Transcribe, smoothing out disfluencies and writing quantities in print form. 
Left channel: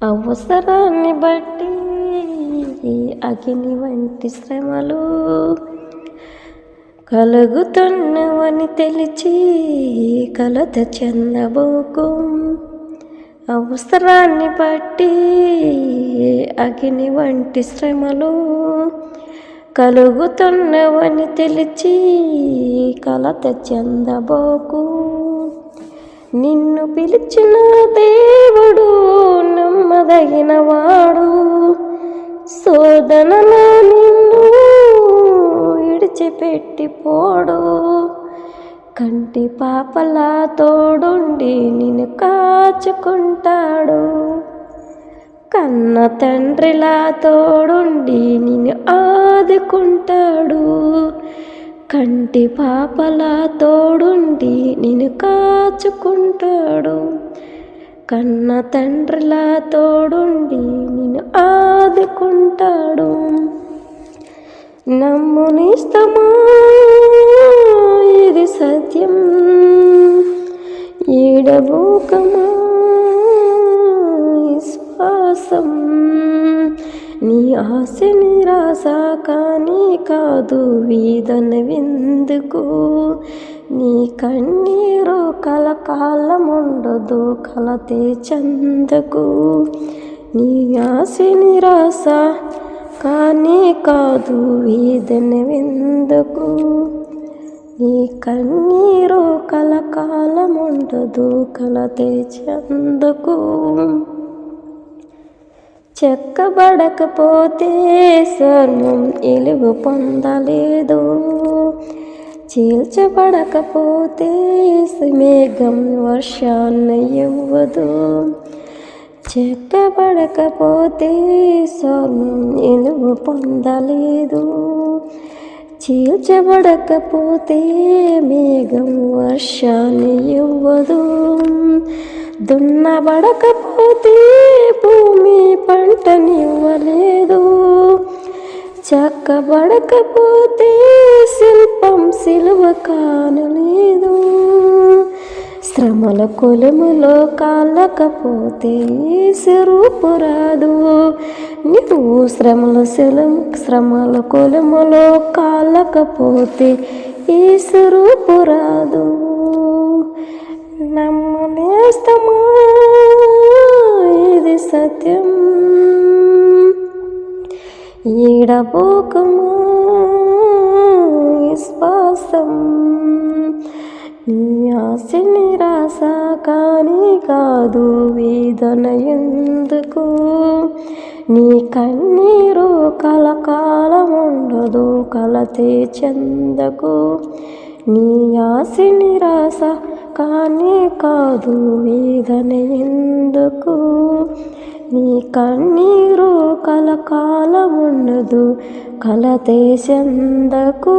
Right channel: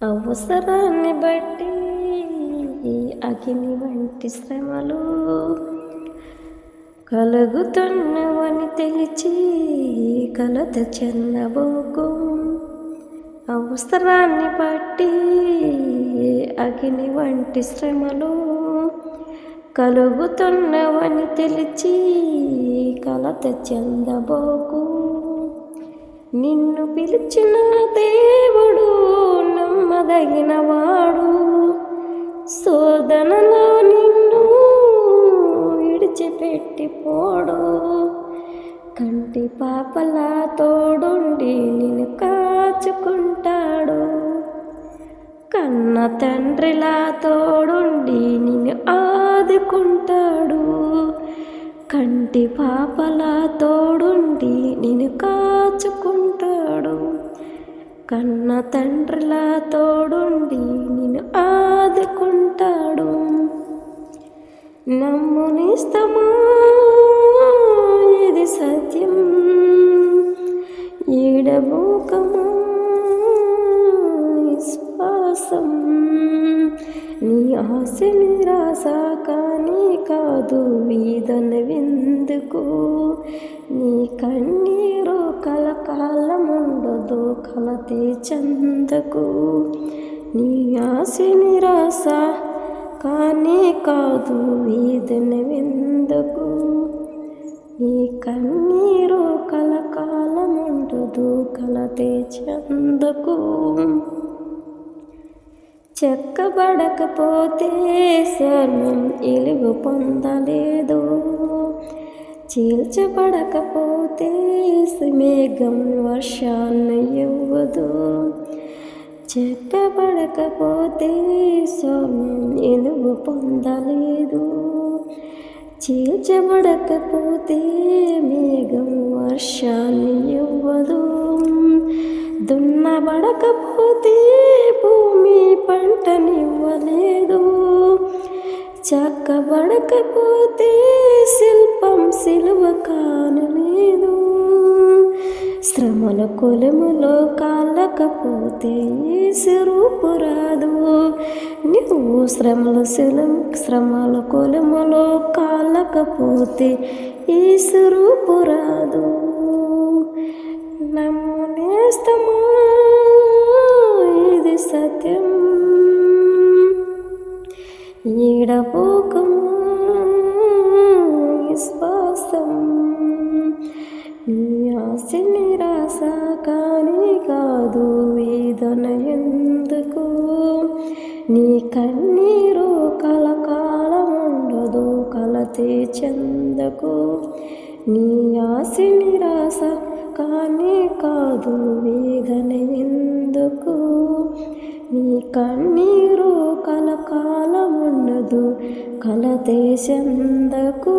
అవసరాన్ని బట్టి అగ్ని వంటి శ్రమలు కలుగుతున్నవని తెలిచి కలత చెందబోకు. అవసరాన్ని బట్టి అగ్ని వంటి శ్రమలు కలుగుతున్నవని తెలిచి కలత చెందబోకు. నిన్ను పిలిచిన దేవుడు నమ్మదగినవాడు, శోధనలో నిన్ను విడిచిపెట్టిపోడు. కంటి పాపలా తోడుండి నిన్ను కాచుకుంటాడు, కన్న తండ్రిలా తోడుండి నిన్ను ఆదుకుంటాడు. కంటి పాపలా తోడుండి నిన్ను కాచుకుంటాడు, కన్న తండ్రిలా తోడుండి నిన్ను ఆదుకుంటాడు. నమ్మునిస్తమా, ఇది సత్యం, ఈడబోకమా విశ్వాసం. నీ ఆశ నిరాశ కానీ కాదు, వేదన విందుకు. నీ కన్నీరు కలకాలముండదు, కలతే చందకు. నీ ఆశ నిరాశ కానీ కాదు, వేదన విందుకు. నీ కన్నీరు కలకాలముండదు, కలతే చందకు. చెక్కబడకపోతే స్వర్ణం ఇలువ పొందలేదు, చీల్చబడకపోతే మేఘం వర్షాన్ని ఇవ్వదు. చెక్కబడకపోతే స్వర్ణం ఇలువ పొందలేదు, చీల్చబడకపోతే మేఘం వర్షాన్ని ఇవ్వదు. దున్నబడకపోతే భూమి పంటనివ్వలేదు, చక్కబడకపోతే శిల్పం సిలువ కానలేదు. శ్రమల కొలుములో కాలకపోతే స్వరూపు రాదు. నువ్వు శ్రమల కొలుములో కాలకపోతే ఈ స్వరూపు రాదు. నమ్మనేస్తమా, ఇది సత్యం, ఈడబోకమా విశ్వాసం. నీ ఆశ నిరాశ కానీ కాదు, వేదన ఎందుకు. నీ కన్నీరు కలకాలముండదు, కలతే చందకు. నీ ఆశ నిరాశ కానీ కాదు, వేదన ఎందుకు. నీ కన్నీరు కలకాలముండదు, కలతే చందకు.